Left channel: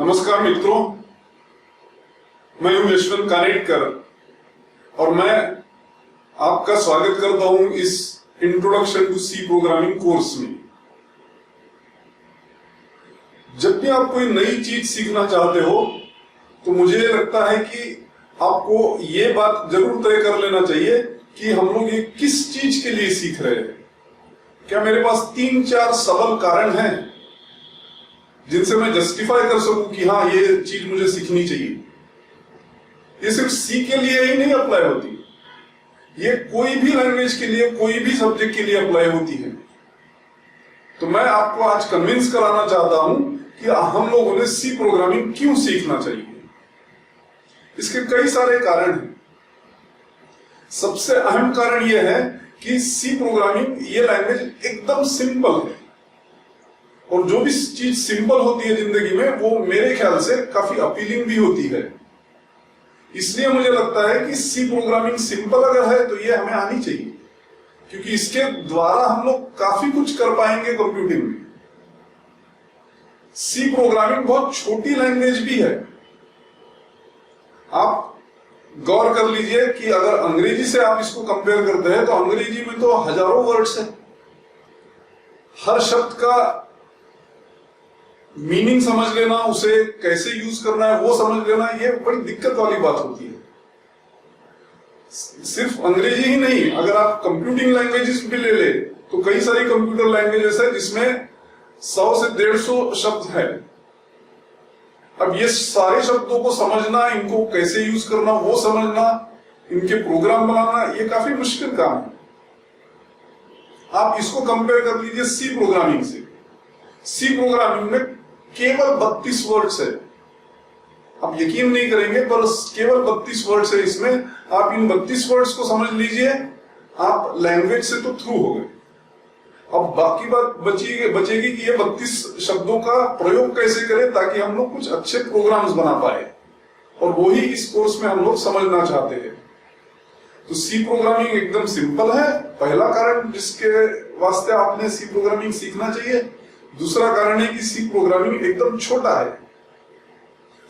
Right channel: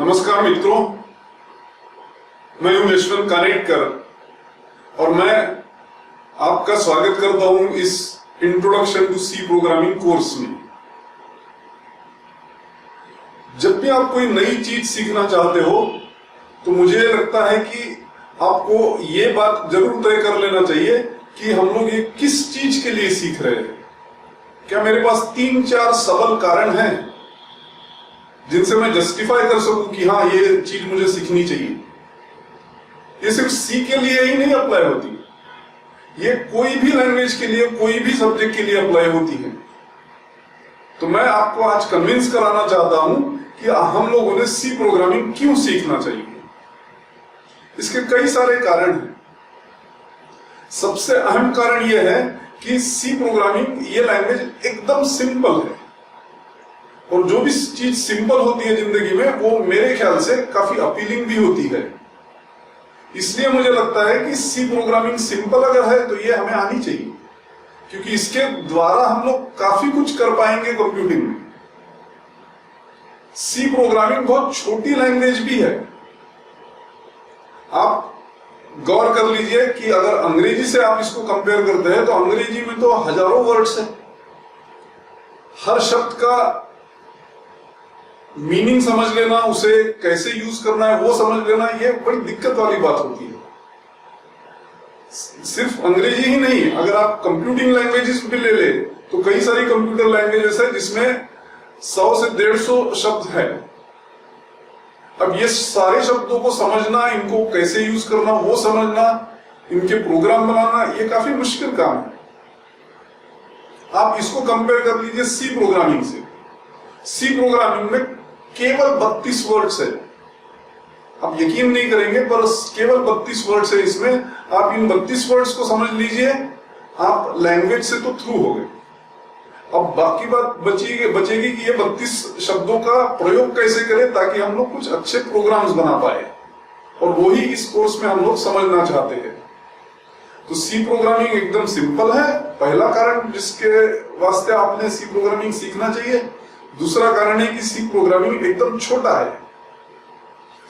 नमस्कार मित्रों, मैं हूं यशवंत कानेटकर और मैं आपका स्वागत करता हूं इस introduction to C programming course में। जब भी आप कोई नई चीज सीखना चाहते हो तो मुझे लगता है कि आपको ये बात जरूर तय कर लेना चाहिए कि हम लोग ये किस चीज के लिए सीख रहे हैं। क्या मेरे पास 3-4 सबल कारण हैं जिनसे मैं जस्टिफाई कर सकूं कि हाँ ये चीज मुझे सीखनी चाहिए। ये सिर्फ सी के लिए ही नहीं अप्लाई होती, ये कोई भी लैंग्वेज के लिए, कोई भी सब्जेक्ट के लिए अप्लाई होती है। तो मैं आपको आज कन्विंस कराना चाहता हूं कि हम लोगों ने सी प्रोग्रामिंग क्यों सीखना चाहिए। इसके कई सारे कारण हैं। सबसे अहम कारण यह है कि सी प्रोग्रामिंग ये लैंग्वेज एकदम सिंपल है, और जो भी चीज सिंपल होती है जिंदगी में वो मेरे ख्याल से काफी अपीलिंग भी होती है। इसलिए मुझे लगता है कि सी प्रोग्रामिंग सिंपल अगर है तो ये हमें आनी चाहिए, क्योंकि इसके द्वारा हम लोग काफी कुछ कर पाएंगे कंप्यूटिंग में। सी प्रोग्रामिंग बहुत छोटी लैंग्वेज भी है। आप गौर कर लीजिए कि अगर अंग्रेजी से आप इसको कंपेयर करते हैं तो अंग्रेजी में तो हजारों वर्ड्स है। हर शब्द का मीनिंग समझ लेना, उसे कैसे यूज करना है वो समझ लेना, ये बड़ी दिक्कत वाली बात होती है। सिर्फ अंग्रेजी ही नहीं, अगर आप कंप्यूटिंग लैंग्वेजेस भी ले ले तो कई सारी कंप्यूटर लैंग्वेजेस है जिसमें 100 से 150 शब्द है। अब ये सारे शब्दों को समझना, इनको कैसे यूज करना वो समझना, इनके प्रोग्राम बनाना, ये काफी मुश्किल काम है। आप इसको कंपेयर कर लीजिए सी प्रोग्रामिंग से। सी प्रोग्रामिंग में केवल 32 वर्ड्स है। आप यकीन नहीं करेंगे पर केवल 32 वर्ड्स है इसमें। आप इन 32 वर्ड्स को समझ लीजिए, आप लैंग्वेज से तो थ्रू हो गए। अब बाकी बात बचेगी कि ये 32 शब्दों का प्रयोग कैसे करें ताकि हम लोग कुछ अच्छे प्रोग्राम्स बना पाए, और वही इस कोर्स में हम लोग समझना चाहते हैं। तो सी प्रोग्रामिंग एकदम सिंपल है, पहला कारण जिसके वास्ते आपने सी प्रोग्रामिंग सीखना चाहिए। दूसरा कारण है कि सी प्रोग्रामिंग एकदम छोटा है,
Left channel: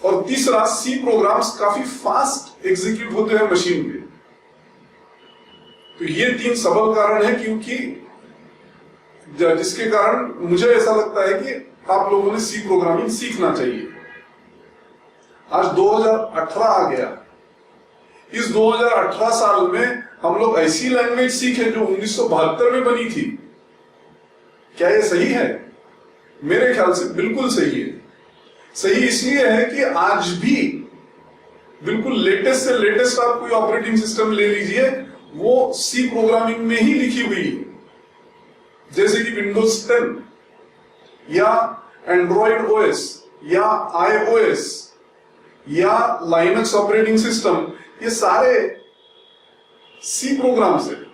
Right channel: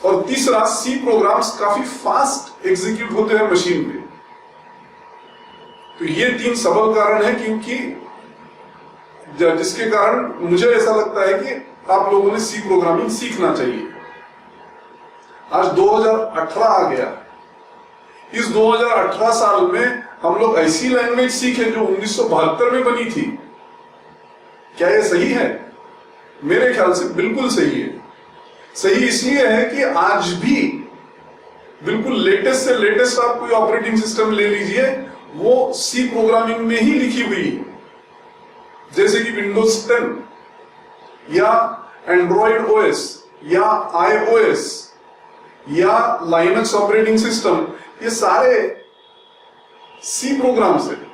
और तीसरा सी प्रोग्राम्स काफी फास्ट एग्जीक्यूट होते हैं मशीन पे। तो ये 3 सबल कारण है क्योंकि जिसके कारण मुझे ऐसा लगता है कि आप लोगों ने सी प्रोग्रामिंग सीखना चाहिए। आज 2018 आ गया। इस 2018 साल में हम लोग ऐसी लैंग्वेज सीखे जो 1972 में बनी थी। क्या ये सही है? मेरे ख्याल से बिल्कुल सही है। सही इसलिए है कि आज भी बिल्कुल लेटेस्ट से लेटेस्ट आप कोई ऑपरेटिंग सिस्टम ले लीजिए, वो सी प्रोग्रामिंग में ही लिखी हुई है। जैसे कि विंडोज 10 या एंड्रॉइड ओएस या आईओएस या लाइनक्स ऑपरेटिंग सिस्टम, ये सारे सी प्रोग्राम्स है।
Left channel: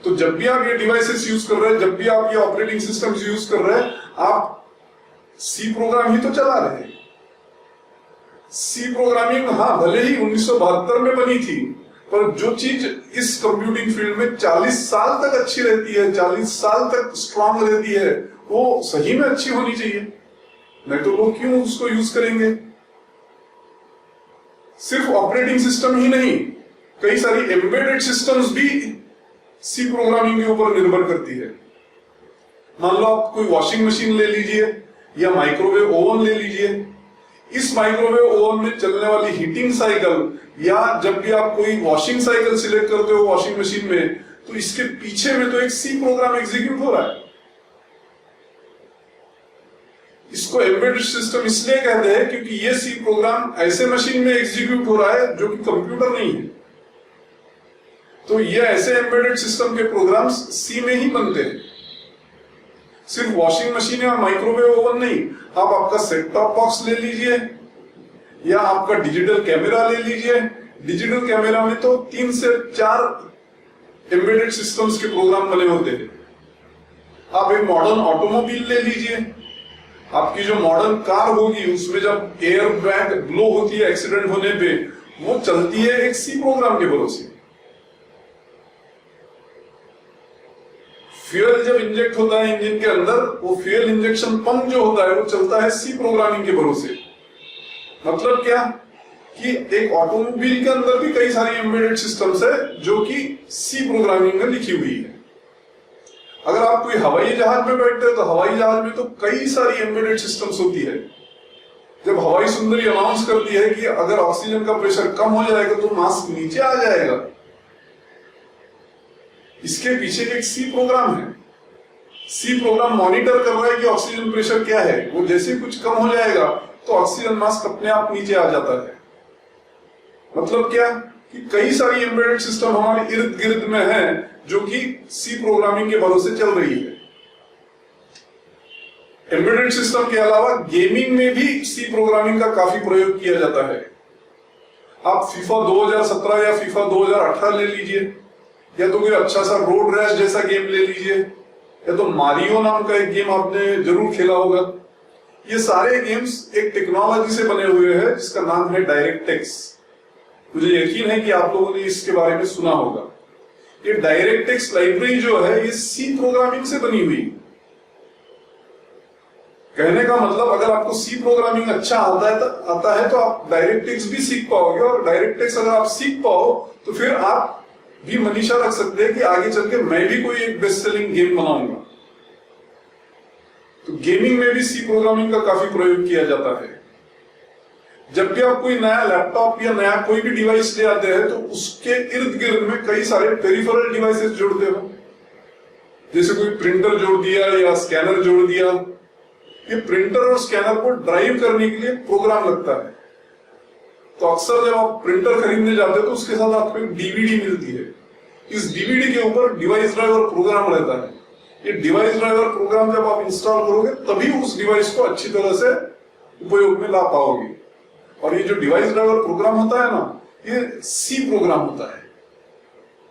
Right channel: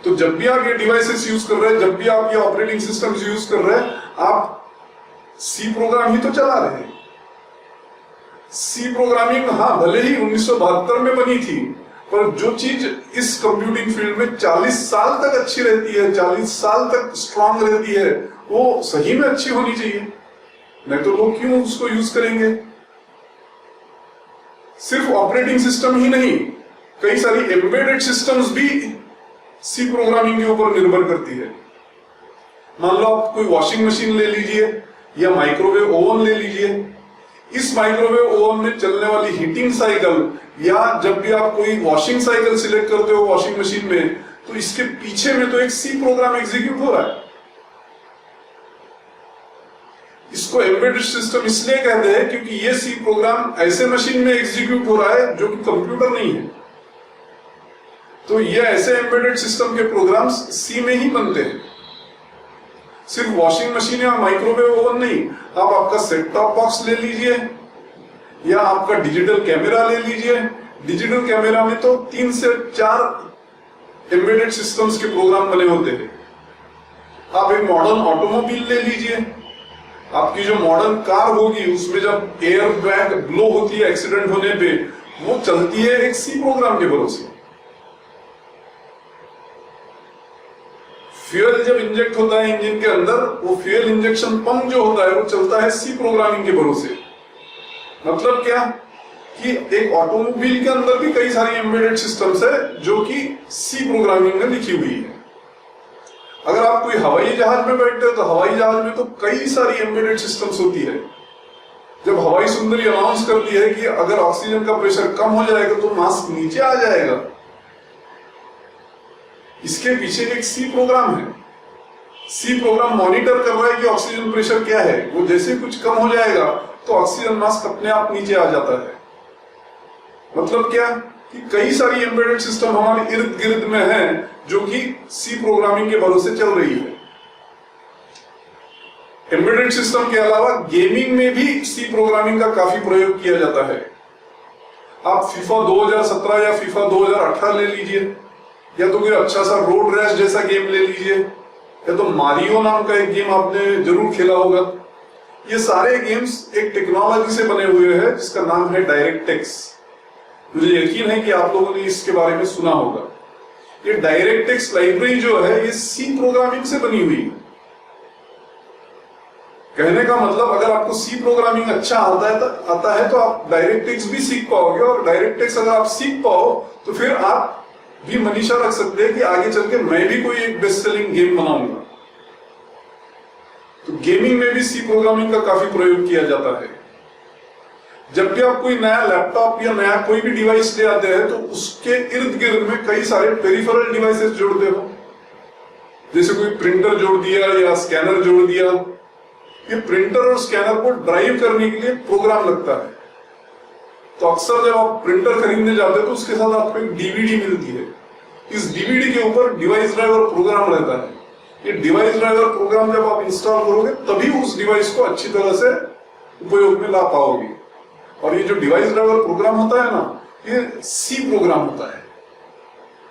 तो जब भी आप ये डिवाइसेस यूज कर रहे हैं, जब भी आप ये ऑपरेटिंग सिस्टम्स यूज कर रहे हैं, आप सी प्रोग्राम ही तो चला रहे हैं। सी प्रोग्रामिंग हाँ भले ही 1972 में बनी थी, पर जो चीज इस कंप्यूटिंग फील्ड में 40 साल तक अच्छी रहती है, 40 साल तक स्ट्रांग रहती है, वो सही में अच्छी होनी चाहिए, नहीं तो लोग क्यों उसको यूज करेंगे। सिर्फ ऑपरेटिंग सिस्टम ही नहीं, कई सारी एम्बेडेड सिस्टम्स भी सी प्रोग्रामिंग के ऊपर निर्भर करती है। मान लो आप कोई वॉशिंग मशीन ले लीजिए या माइक्रोवेव ओवन ले लीजिए। इस माइक्रोवेव ओवन में चलने वाली हीटिंग साइकिल, या जब भी आप कोई वॉशिंग साइकिल सिलेक्ट करते हो वॉशिंग मशीन में, तो इसके पीछे में तो एक सी प्रोग्राम एग्जीक्यूट हो रहा है। इसको एम्बेडेड सिस्टम इसलिए कहते हैं क्योंकि ये सी प्रोग्राम ऐसे मशीन में एग्जीक्यूट हो रहा है जो कि कंप्यूटर नहीं है। तो ये ऐसे एम्बेडेड सिस्टम के प्रोग्राम्स सी में ही बनते हैं। सिर्फ वॉशिंग मशीन या माइक्रोवेव ओवन नहीं, आप आपका सेट टॉप बॉक्स ले लीजिए या आपका डिजिटल कैमरा ले लीजिए। डिजिटल कैमरा में तो 3 से 4 एम्बेडेड सिस्टम्स के प्रोग्राम बने होते हैं। आप एक मॉडर्न ऑटोमोबाइल ले लीजिए, आपकी जो मॉडर्न कार होगी उसमें जब एयर बैग ब्लो होती है एक्सीडेंट होने पे, वो चलती है एक सी प्रोग्राम के भरोसे। फ्यूल जब इंजेक्ट होता है इंजन के अंदर, वो फ्यूल इंजेक्शन पंप जो होता है वो चलता है सी प्रोग्रामिंग के भरोसे। मतलब क्या कि एक ऑटोमोबाइल के अंदर भी कई सारी एम्बेडेड सिस्टम्स है जो कि सी प्रोग्रामिंग में लिखी हुई है। अगर आप कोई हवाई जहाज में बैठते हो तो हवाई जहाज में तो कई सारी एम्बेडेड सिस्टम्स होती है। जब हवाई सुंदरी अनाउंस करती है कि अगर ऑक्सीजन का प्रेशर कम हो जाएगा तो मास्क नीचे आ जाएगा, इसके पीछे एक सी प्रोग्राम है। सी प्रोग्राम मॉनिटर कर रहा है कि ऑक्सीजन प्रेशर क्या है, वो जैसे कुछ कम हो जाएगा तो ऑक्सीजन मास्क अपने आप नीचे आ जाता है। मतलब क्या कि कई सारी एम्बेडेड सिस्टम हमारे इर्द गिर्द में है जो कि सी प्रोग्रामिंग के भरोसे चल रही है। एम्बेडेड सिस्टम के अलावा गेमिंग में भी सी प्रोग्रामिंग का काफी प्रयोग किया जाता है। आप फीफा 2017 या फीफा 2018 ले लीजिए, या तो कोई अच्छा सा रोड रैश जैसा गेम ले लीजिए, या तो मारियो नाम का एक गेम आपने जरूर खेला होगा। ये सारे गेम्स एक टेक्नोलॉजी से बने हुए हैं जिसका नाम है डायरेक्टेक्स। मुझे यकीन है कि आप लोगों ने इसके बारे में सुना होगा। ये डायरेक्टेक्स लाइब्रेरी जो है ये सी प्रोग्रामिंग से बनी हुई है। कहने का मतलब अगर आपको सी प्रोग्रामिंग अच्छा आता है तो आप डायरेक्टेक्स भी सीख पाओगे, और डायरेक्टेक्स अगर आप सीख पाओ तो फिर आप भी मनीषा रख सकते हैं कि आगे चल के मैं भी कोई एक बेस्ट सेलिंग गेम बनाऊंगा। तो गेमिंग में भी सी प्रोग्रामिंग का काफी प्रयोग किया जाता है। जब भी आप कोई नया लैपटॉप या नया कोई भी डिवाइस ले आते हैं तो उसके इर्द गिर्द में कई सारे पेरिफेरल डिवाइसेस जोड़ते हो, जैसे कोई प्रिंटर जोड़ दिया या स्कैनर जोड़ दिया। ये प्रिंटर और स्कैनर को ड्राइव करने के लिए प्रोग्राम लगता है। तो अक्सर जब आप प्रिंटर खरीदने जाते हो तो उसके साथ आपको एक डीवीडी मिलती है। इस डीवीडी के ऊपर डिवाइस ड्राइवर प्रोग्राम रहता है। ये डिवाइस ड्राइवर प्रोग्राम जब आप इंस्टॉल करोगे तभी उस डिवाइस को अच्छी तरह से उपयोग में ला पाओगे। और ये जो डिवाइस ड्राइवर प्रोग्राम होता है ना, ये सी प्रोग्राम होता है।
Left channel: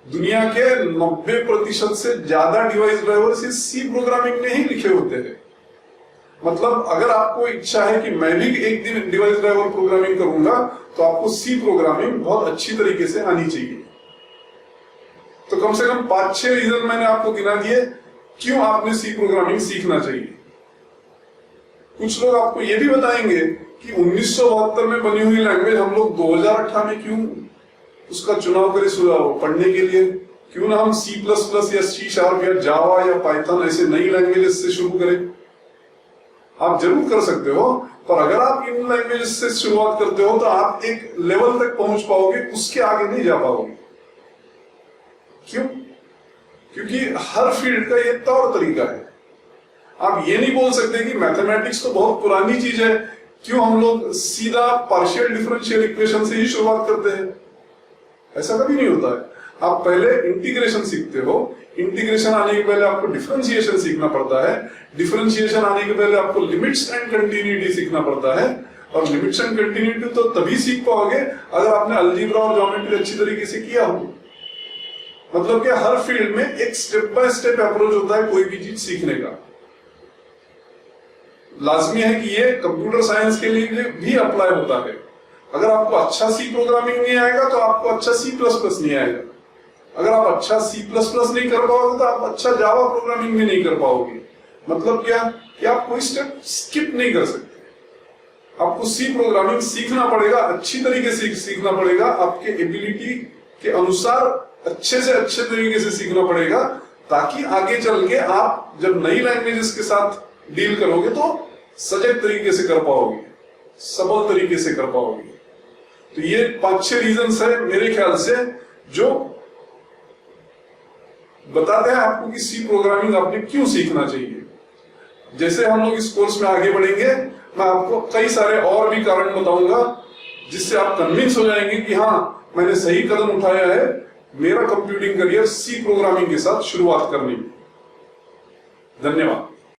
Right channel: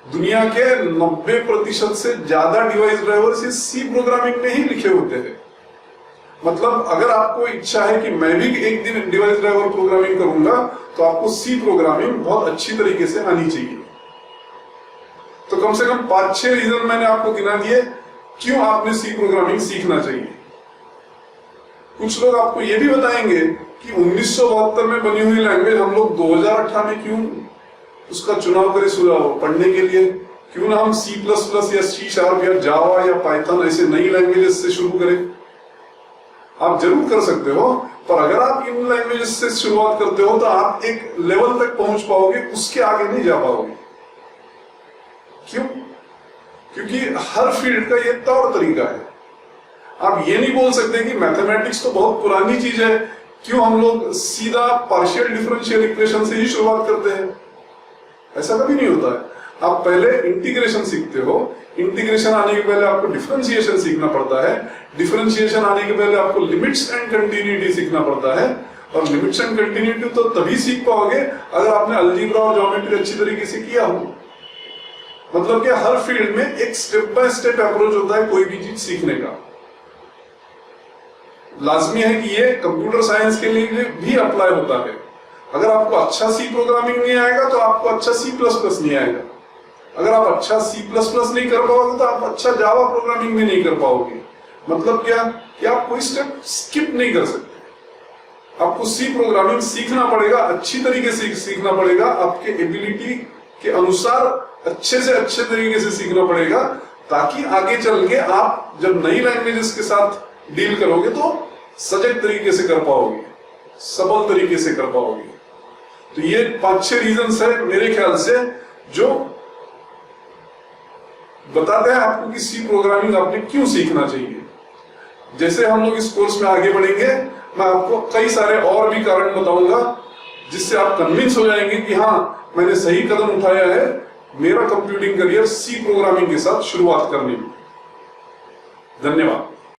दुनिया के 90% से ज्यादा डिवाइस ड्राइवर सी प्रोग्रामिंग में ही लिखे होते हैं। मतलब अगर आपको इच्छा है कि मैं भी एक दिन डिवाइस ड्राइवर प्रोग्रामिंग करूंगा तो आपको सी प्रोग्रामिंग बहुत अच्छी तरीके से आनी चाहिए। तो कम से कम 5-6 रीजन मैंने आपको गिना दिए क्यों आपने सी प्रोग्रामिंग सीखना चाहिए। कुछ लोग आपको यह भी बताएंगे कि 1972 में बनी हुई लैंग्वेज हम लोग 2018 में क्यों उसका चुनाव करें पढ़ने के लिए। क्यों ना हम C++ या C# या जावा या पाइथन ऐसे नई लैंग्वेजेस से शुरू करें। आप जरूर कर सकते हो, पर अगर आप इन लैंग्वेजेस से शुरुआत करते हो तो आप एक लेवल तक पहुंच पाओगे, उसके आगे नहीं जा पाओगे। क्यों? क्योंकि हर फील्ड का ये तौर तरीका है। आप ये नहीं बोल सकते कि मैथमेटिक्स तो बहुत पुरानी चीज है, क्यों हम लोग सीधा पार्शियल डिफरेंशियल इक्वेशन से ही शुरुआत करते हैं। ऐसा कभी नहीं होता है। आप पहले इंटीग्रेशन सीखते हो, इंटीग्रेशन आने के पहले आपको डिफरेंशिएशन सीखना पड़ता है, डिफरेंशिएशन आने के पहले आपको लिमिट्स एंड कंटिन्यूटी सीखना पड़ता है, और लिमिट्स एंड कंटिन्यूटी तो तभी सीख पाओगे अगर आपने अलजेब्रा और ज्योमेट्री अच्छी तरीके से किया हो। मतलब कि हर फील्ड में एक स्टेप बाय स्टेप अप्रोच होता है कोई भी चीज सीखने का। लाजमी है कि ये कंप्यूटर साइंस के लिए भी अप्लाई होता है। अगर आपको अच्छा सी प्रोग्रामिंग नहीं आएगा तो आपको अच्छा C++ नहीं आएगा। अगर आप अच्छा C++ नहीं कर पाओगे तो आप अच्छा जावा प्रोग्रामिंग भी नहीं कर पाओगे। मतलब क्या कि आप कोई स्टेप स्किप नहीं कर सकते। आपको सी प्रोग्रामिंग सीखना पड़ेगा, अच्छी तरीके से सीखना पड़ेगा, आपके एबिलिटी के अनुसार अच्छे से अच्छे तरीके से सीखना पड़ेगा, ताकि आगे चल के आप जब नई लैंग्वेजेस के साथ डील करोगे तो सजग तरीके से कर पाओगे, सबल तरीके से कर पाओगे। तो ये 5-6 रीजंस है मेरे ख्याल से जो बताते हैं आपको कि सी प्रोग्रामिंग आपने क्यों सीखना चाहिए। जैसे हम लोग इस कोर्स में आगे बढ़ेंगे मैं आपको कई सारे और भी कारण बताऊंगा जिससे आप कन्विंस हो जाएंगे कि हाँ मैंने सही कदम उठाया है मेरा कंप्यूटिंग करियर सी प्रोग्रामिंग के साथ शुरुआत करने में। धन्यवाद।